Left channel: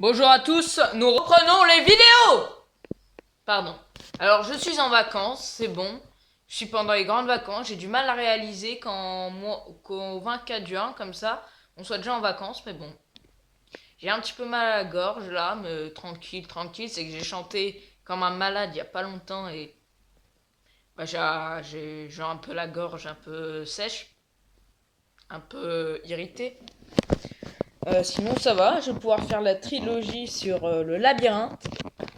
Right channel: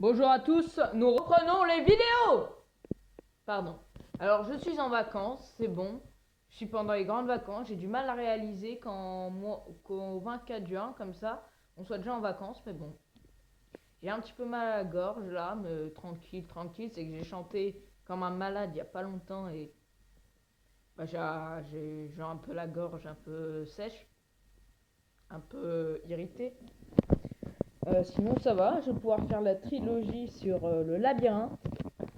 Bonjour à tous, nous reprenons les vidéos. Pardon. Alors je suis en vacances, c'est bon. Je suis pendant les grandes vacances, j'ai du mal à réaliser qu'au 24 juin, comme ça, on soit déjà en vacances, mais bon. J'ai un petit peu mal à la gorge là, mais tranquille, tranquille, c'est que j'ai chanté comme un malade il y a pas longtemps et bah, j'ai un peu la gorge un peu sèche, un peu irritée. Sinon ça va, je vais pouvoir faire la trilogie sur le labyrinthe.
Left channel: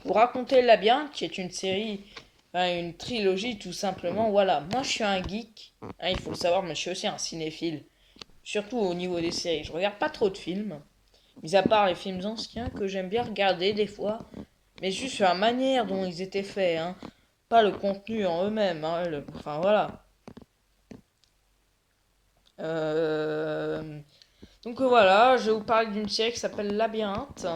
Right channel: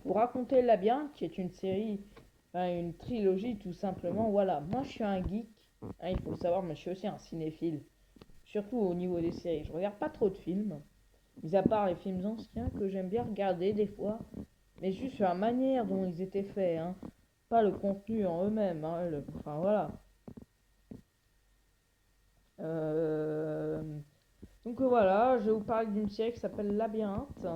Vous raconter le labyrinthe, qui est une série, enfin, une trilogie tout simplement. Voilà, moi je suis un geek, hein, il faut le savoir, mais je suis aussi un cinéphile, surtout au niveau des séries. Je regarde pas trop de films, mis à part les films anciens que j'aime bien regarder des fois, mais juste sur la manière dont ils étaient faits, hein, pas le contenu en eux-mêmes. Hein, enfin voilà. Euh, Donc voilà, je vais vous parler d'une série qui s'appelle Labyrinthe.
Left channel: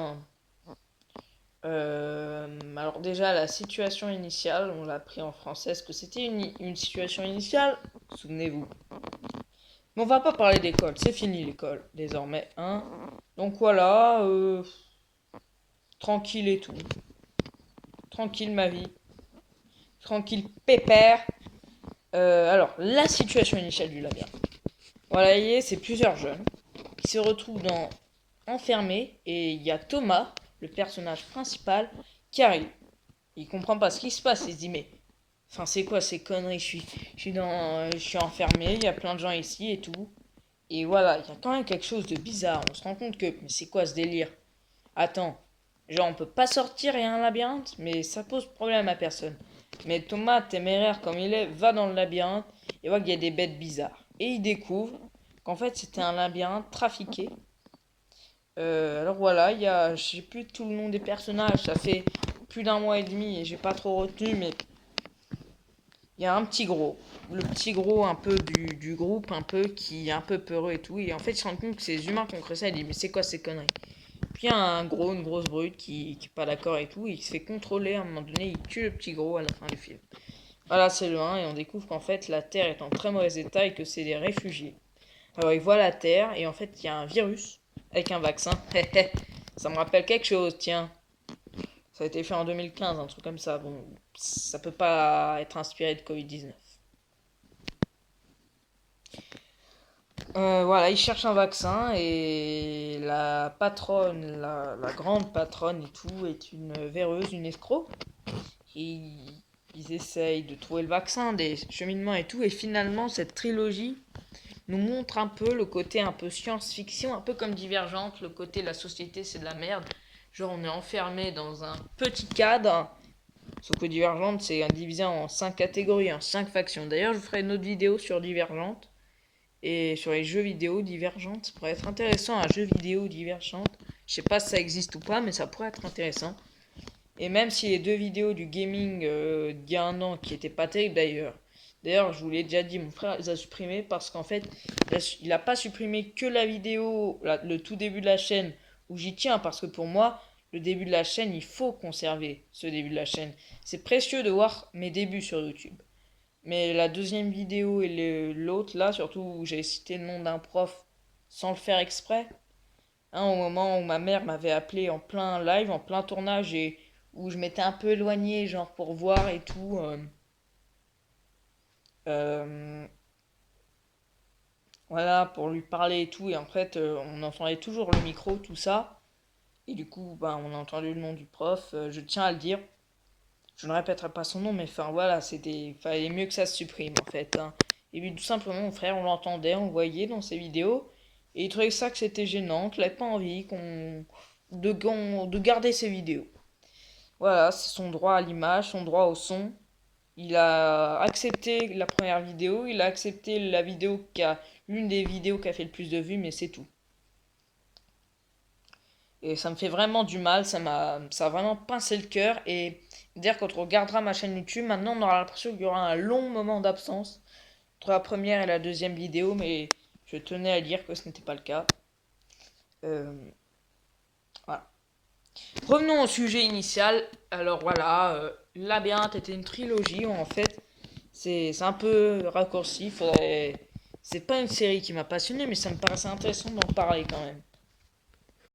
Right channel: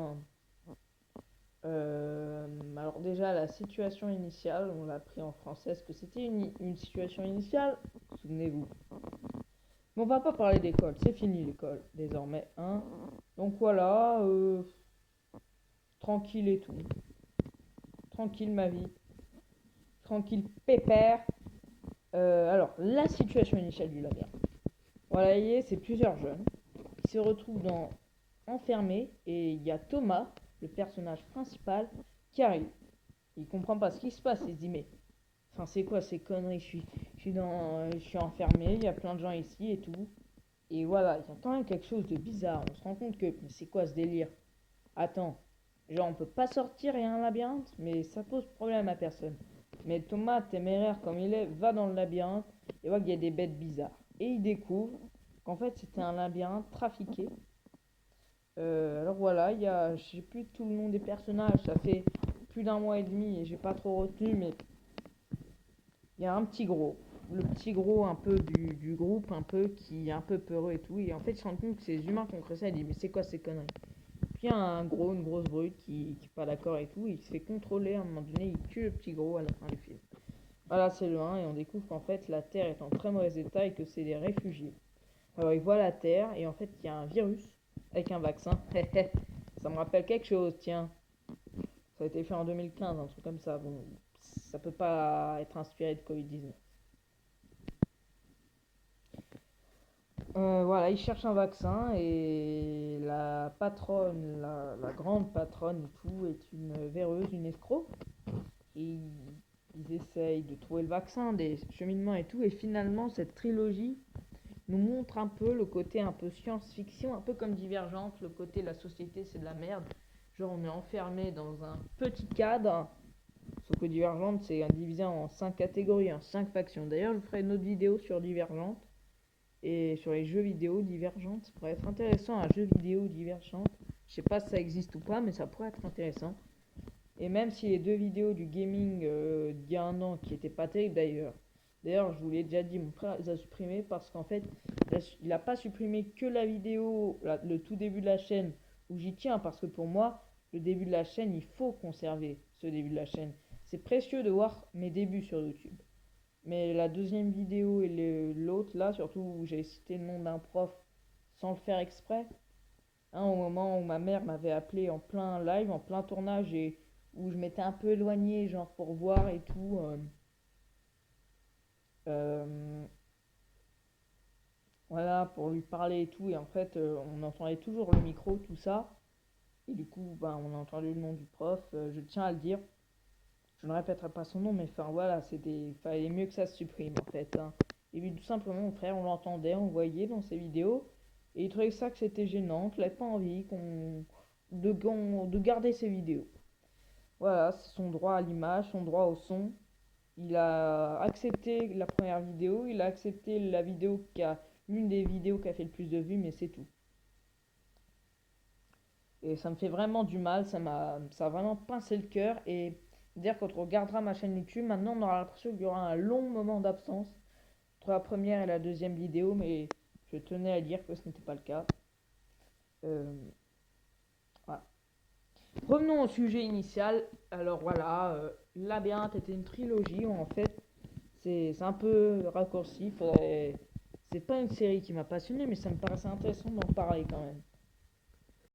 Alors déjà, la situation initiale, on l'a pris en français. Est-ce que c'était une situation initiale? Souvenez-vous. Mais on va pas parler d'école, c'est fini l'école, désormais. Hein. Donc voilà, tranquille et tout. Tranquille ma vie. Tranquille pépère. Alors, la situation initiale du labyrinthe. Voilà, c'est plusieurs jeunes qui se retrouvent enfermés et il y a Thomas, le personnage principal, qui arrive. Il comprend pas ce qui se passe, il se dit mais enfin c'est quoi ces conneries, je suis enfermé, il y a plein de gens ici et tout. Et voilà, il y a quand même quelque chose de bizarre. On se rend compte que mais c'est quoi ce délire? Attends, genre on peut pas sortir, il y a un labyrinthe, mais ça pose problème à personne. Mais Thomas, téméraire comme il est, va dans le labyrinthe et voit qu'il y a des bêtes bizarres. Et il découvre qu'en fait c'était un labyrinthe trafiqué. Alors voilà, je sais plus tout le nom des personnages, ça fait plus d'un mois et demi et j'ai pas trop retenu, mais il y a un petit gros, le petit gros un peu du groupe, un peu qui est un peu peureux et tout, et en fait il se rend compte que c'est les humains qui ont créé ça, il dit mais c'est quoi ces conneries? Puis il y a une grosse brute qui est pas d'accord et tout, et il se fait contrôler à un moment donné, il tue le petit gros à la fin du film. Voilà, c'est le 1, et on découvre qu'en fait la Terre est en très mauvais état et que c'est des réfugiés. Alors il voit la Terre, et en fait il y a un virus avec un vaccin. Ça me rappelle quelque chose, tiens. Ça a été fait en 2015, un truc comme ça. Bon, ça peut pas être inspiré de Covid-19. Voilà, il cherche un vaccin et la patronne, la grande patronne et tout, est une véreuse, une escroc. Et ils essayent de trouver le vaccin, des cheminements et tout. Et finalement, cette trilogie nous montre un peu le côté un peu science-fiction, un peu comme Divergente, le côté la société c'est de la merde. Genre on est enfermé dans un petit cadre. Sauf que Divergente c'est divisé en 5 catégories, en 5 factions. D'ailleurs je ferai une autre vidéo sur Divergente. Et sur les jeux vidéo Divergente. Ça pourrait être intéressant, un jeu vidéo Divergente. Je sais pas si ça existe ou pas, mais ça pourrait être intéressant. Et même si les deux vidéos du gaming d'il y a un an qui étaient pas terribles d'ailleurs. D'ailleurs, je vous l'ai déjà dit, mon frère les a supprimés parce qu'en fait, il a pas supprimé que la vidéo, le tout début de la chaîne où j'y tiens parce que pour moi, le début de la chaîne, il faut conserver ce début de la chaîne. C'est précieux de voir mes débuts sur YouTube. Mais la deuxième vidéo et l'autre là, surtout où j'ai cité le nom d'un prof sans le faire exprès, hein, au moment où ma mère m'avait appelé en plein live, en plein tournage et où je m'étais un peu éloigné, genre pour voir et tout. Euh, voilà, pour lui parler et tout. Et en fait, on entendait toujours le micro, tout ça. Et du coup, ben, on a entendu le nom du prof. Je tiens à le dire. Je ne répéterai pas son nom, mais enfin voilà, fallait mieux que ça se supprime en fait. Hein. Et puis tout simplement, mon frère, on l'entendait, on le voyait dans ses vidéos. Et il trouvait ça que c'était gênant, qu'il n'avait pas envie de garder ses vidéos. Voilà, c'est son droit à l'image, son droit au son. Il a accepté la première vidéo, il a accepté l'une des vidéos qui a fait le plus de vues, mais c'est tout. Et ça me fait vraiment du mal, ça a vraiment pincé le cœur. Et dire quand on regardera ma chaîne YouTube, maintenant on aura l'impression qu'il y aura un long moment d'absence entre la première et la deuxième vidéo, mais je tenais à dire que ce n'était pas le cas. Euh, voilà. Revenons au sujet initial. Alors voilà, Labyrinthe était une trilogie où en fait c'est un peu raccourci. C'est pas une série qui m'a passionné, mais ça me paraissait intéressant d'en parler quand même.